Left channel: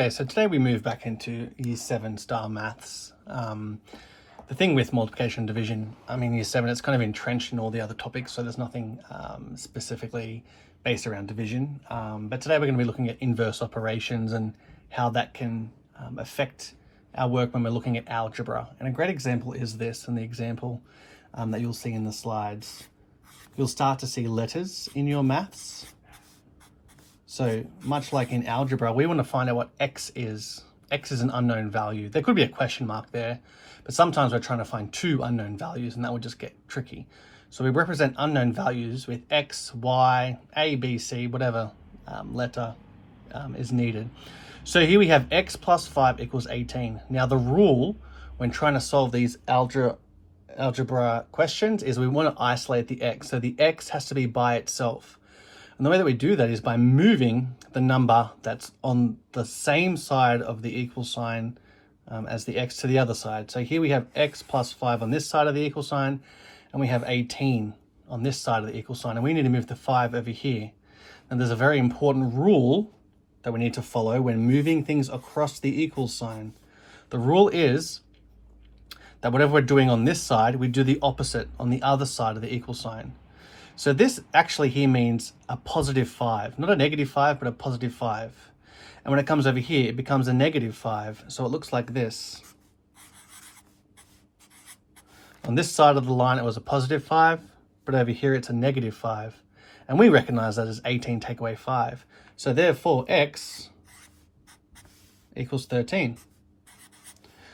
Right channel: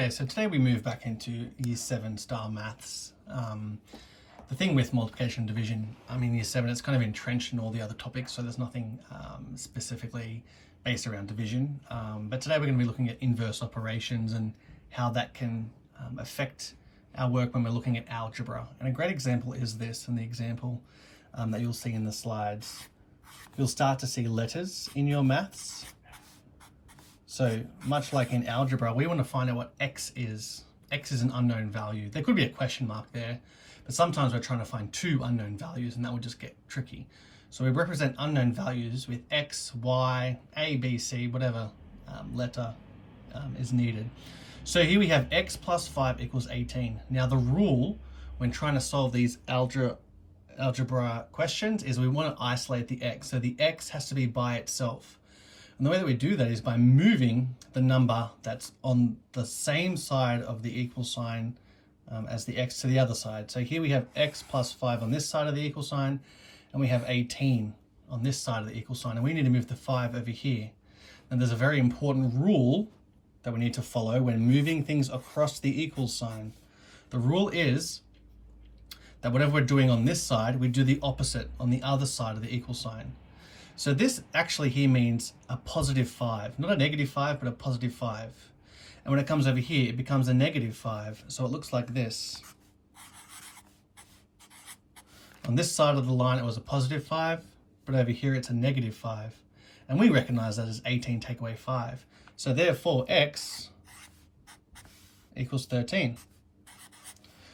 Okay, so today we move back into Year 7 style maths. The thing with multiplication and division, I mean, Year 7, it's kind of entrenched in all the other topics, so there's nothing specifically based around division. But today we're going to be looking at inverse operations and how that can affect our work when we're looking at algebra. And a great example is this, and the example that you'll see in the slides. You'll start to see letters in your maths. So much like in algebra, we want to find out what x is. X is an unknown value. There could be a question mark there, but sometimes we're trying to find two unknown values and that would just get tricky. So we represent unknown values with x, y, a, b, c, whatever letter is needed. So here we have x plus 5 equals 18. Now the rule when trying to solve these algebra questions is we want to isolate the x. So the x has to be by itself. And the way that we do that is by moving the number that's on the same side of the equal sign as the x to the other side. So here we have x plus 5 on this side of the equal sign, and we have 18 on this side of the equal sign, and we need to move the 5 over here. And there's a very important rule that we need to follow when moving things across the equal sign. The rule is that whatever we're doing on this side, we do the opposite on the other side of the equal sign. So this actually here means a positive 5, not a negative 5, but a positive 5. And when it comes over here, it becomes a negative 5. So it looks like this. On this side of the line, it was a positive 5, but over here, it's a negative 5. And we recognize that as 18 take away 5. So therefore, x equals 13.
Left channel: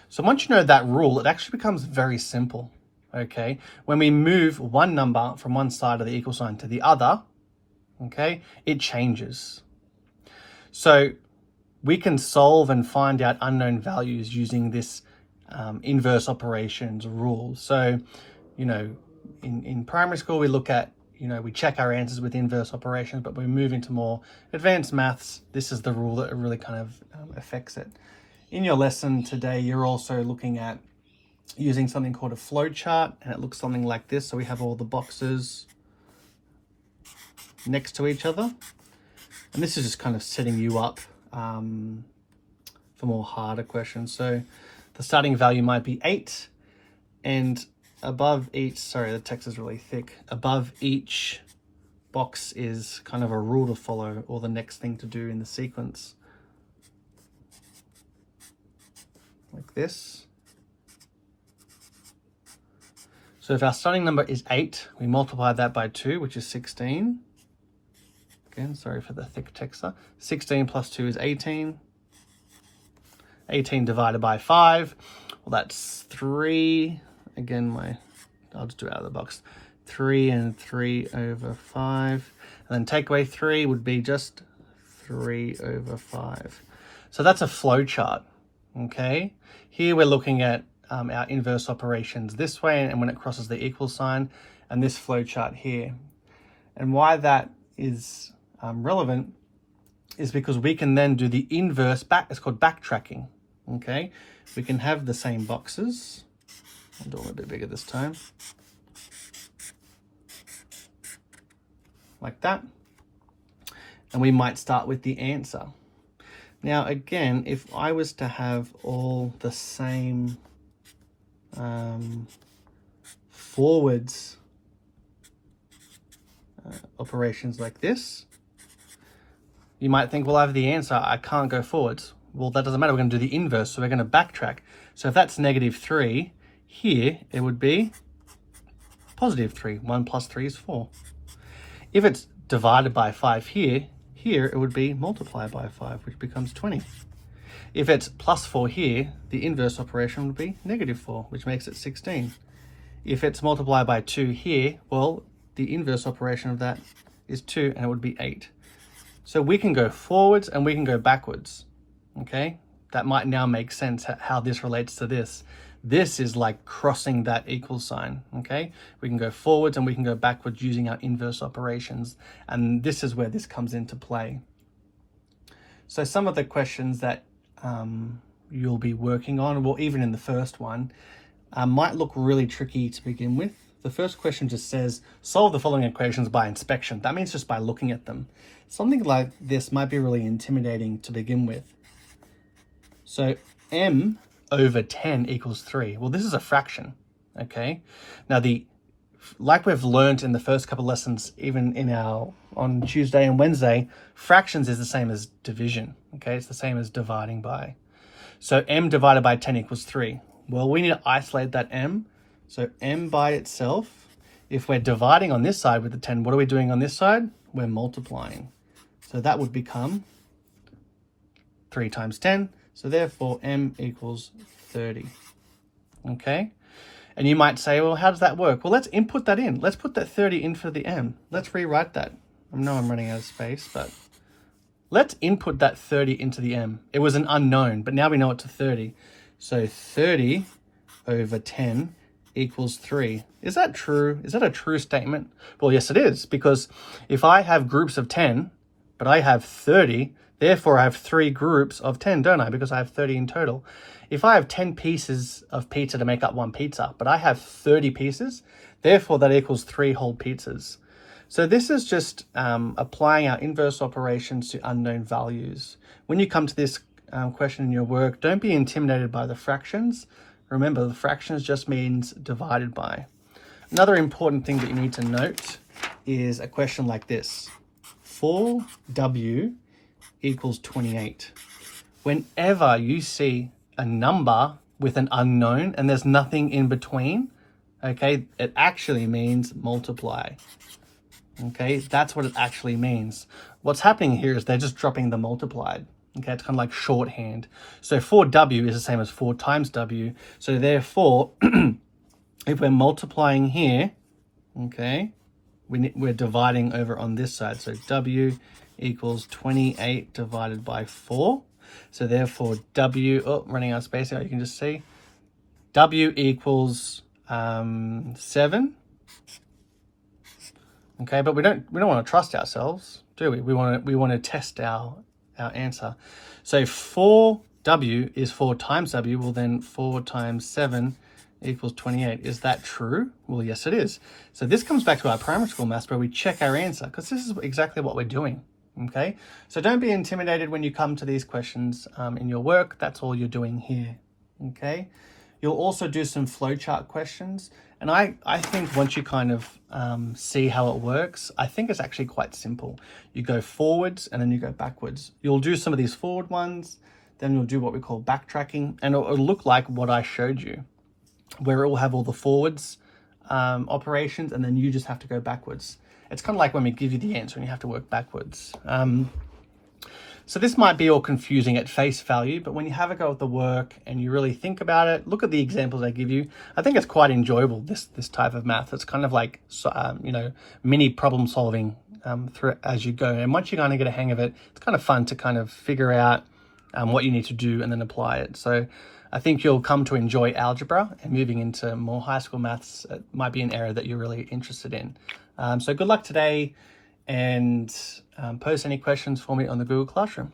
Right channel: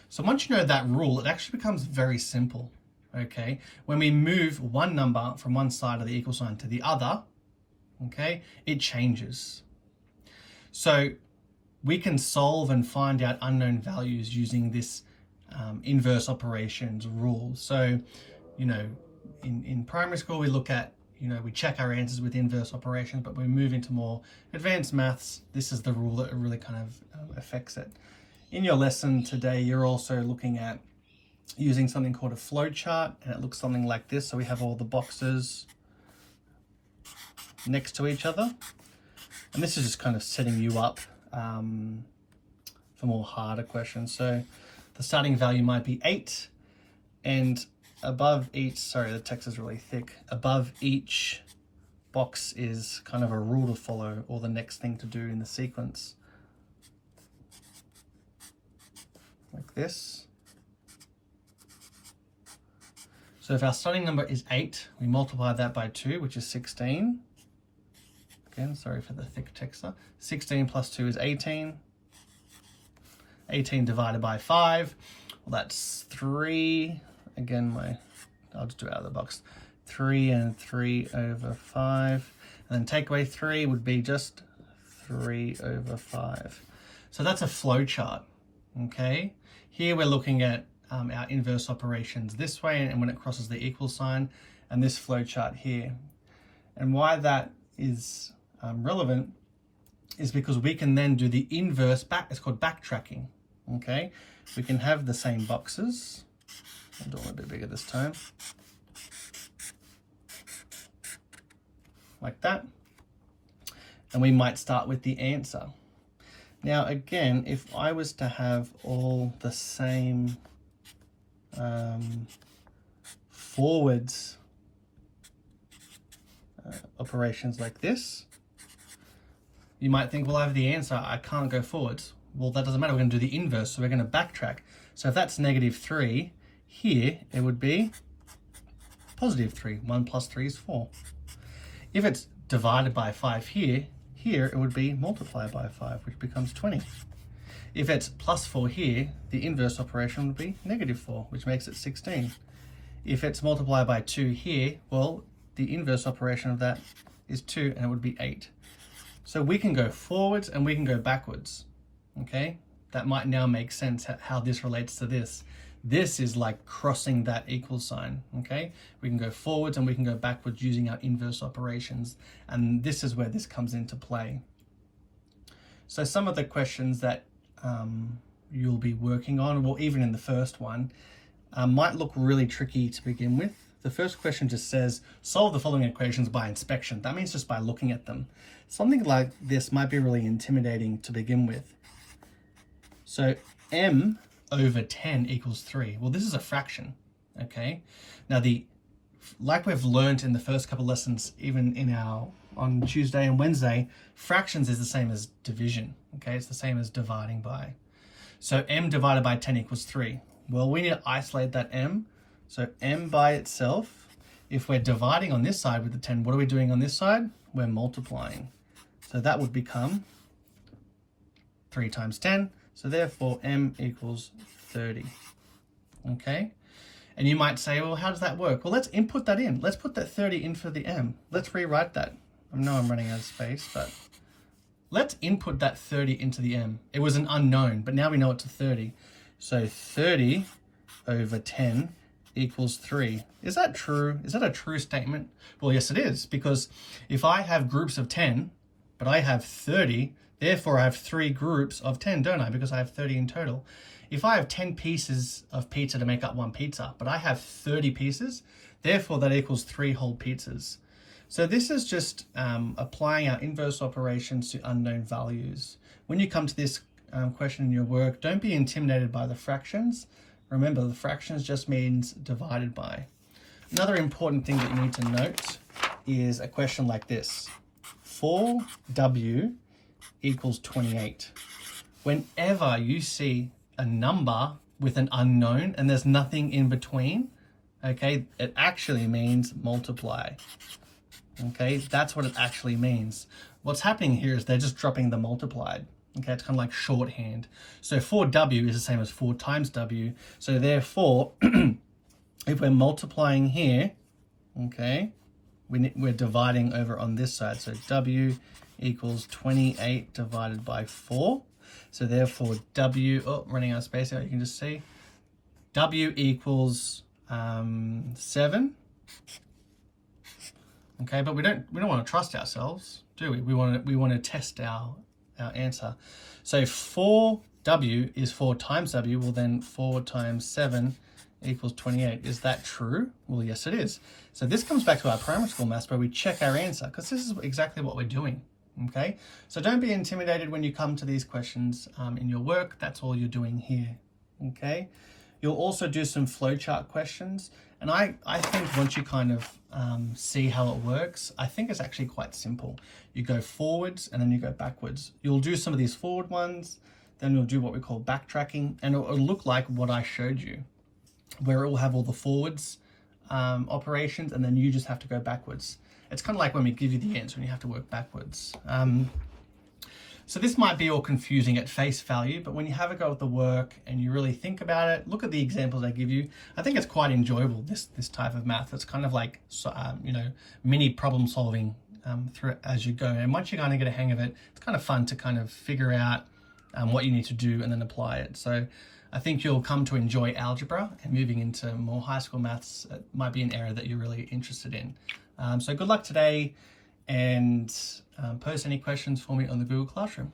So once you know that rule, it actually becomes very simple. Okay, when we move one number from one side of the equal sign to the other, okay, it changes. So we can solve and find out unknown values using this inverse operations rule. So, you know, in primary school, we look at, you know, we check our answers with inverse operations, but we move into more advanced maths. This is the rule that really kind of affects it. In your lesson today, you're also looking at using something called a flow chart, and it looks something like this. So we have all the boxes next to each other, and this is just kind of setting you up for more harder questions. So the starting value might be 8, and above each, sorry, the text is really thick, above each box is kind of a rule to follow, or the next thing to do in the sequence, like this. So if our starting number is 8, we multiply that by 2, which is 16. Again, sorry for the thick text there. 16 plus 2 is 18. 18 divided by 5, well, that's 3. Again, I'll just do it out of the box. 3 and 3 over 5. And then take away 3 would be just 3 over 5. So that's a flow chart, okay? Here we're looking at our inverse operations this way, and when it crosses the equal sign, and this flow chart here. And why that is relevant is because we can then do the inverse back. It's called backtracking. Okay, we can have the same boxes. I'll do it a bit bigger this time, like that, and we might start with the answer. Now again, if I was to have all the same forwards operations like this, you might think, well, I have the answer, I can't go forwards. Well, that doesn't matter, we're going to do the inverse, so we're going to backtrack. So if that's negative 3, here it would be positive 3. 1 plus 3 is 4. If it's divided by 5 here it would be multiplied by 5, which becomes 20. If it's plus 4 here, the inverse operation would be negative 4, which makes it 16. If it's multiplied by 2 here, well, the inverse operation of that is 2, and it would be 8. So we can go forwards and we can go backwards, okay? That might now make sense how this relates to this. This is like crossing that equal sign, okay? We can go forwards and we can go backwards using our inverse operations, and this is where this comes into play. So some of the questions that you'll be working on, well, even in the first one, might look really tricky to begin with. The first question just says, solve the following equations by inspection. That means just by looking at them. Something like this might be really intimidating to begin with. So m over 10 equals 3. Well, this is a fraction, okay? Now, like we've learned in the first couple lessons, even in on Tuesday and Wednesday, fractions is the same as division, okay? It's the same as dividing by. So m divided by 10 equals 3. Well, we need to isolate that m. So m by itself, if we're dividing on this side with the 10, what are we doing on this side? We're multiplying. So that would become 3 times 10. So therefore, m equals 30. Okay? And you might say, well, how does that work? Well, let's input that in. Let's put that 30 in for the m. Let's rewrite that. I know I'm running out of space, but let's input that 30 into the m. It was an unknown, but now we know it's a 30. So 30 over 10 equals 3. Is that true? Is that a true statement? Well, yes, it is, because if I have groups of 10, but I have 30, therefore I have 3 groups of 10, don't I? Because I have 30 in total. If I have 10 pieces of pizza to make up one pizza, but I have 30 pieces, therefore that equals 3 whole pizzas. So this is just applying our inverse operations to unknown values. When you come to this question in your work, don't be intimidated by the fractions. Remember, the fractions just means divided by. Another important thing that you need to note is a question like this. 4w equals 28. Whenever you see a number with an unknown and there's nothing in between, okay, it actually means multiply. Okay, that's what it actually means. What's happening here is they're just dropping the multiplied. Okay, it's kind of like shorthand. So 4w is the same as 4 times w. So therefore, if we're multiplying here, okay, we're dividing over on this side. So w equals 28 divided by 4. So therefore w, running out of space now, you can just see, w equals 7. Okay, but we don't want to trust ourselves, do we? We want to test our answer. So 4w is 4 times w. Well, then 4 times 7 equals 28. Is that true? Well, yes, it is. So this comes back to our primary school maths where we check our answer, because this is exactly what we're doing. Okay, so don't be intimidated when you come to these questions in your work. That's all you're doing here. Okay, you'll also do some flowchart questions. And I think once you kind of see how it works, I think it's actually quite simple. You go forwards and then you go backwards. You'll do some of these forward ones, then you'll do what we call backtracking, and it'll look like what I showed you, where it will have all the forwards operations, and then you just have to go backwards. It's kind of like when we give you the answer and you have to work backwards. So this might be all confusing at face value, but when you have a go at the work and you really think about it, look at the examples I give you. I think it's quite enjoyable, this type of math. It's kind of like, mini problem solving through as you go. And once you kind of get a hang of it, it's kind of fun to kind of figure out what you need to do and then apply it. So I think you'll come to enjoy algebra, and moving into more high school maths might be an area that you're really interested in. So good luck today, and post any questions for me on the Google Classroom.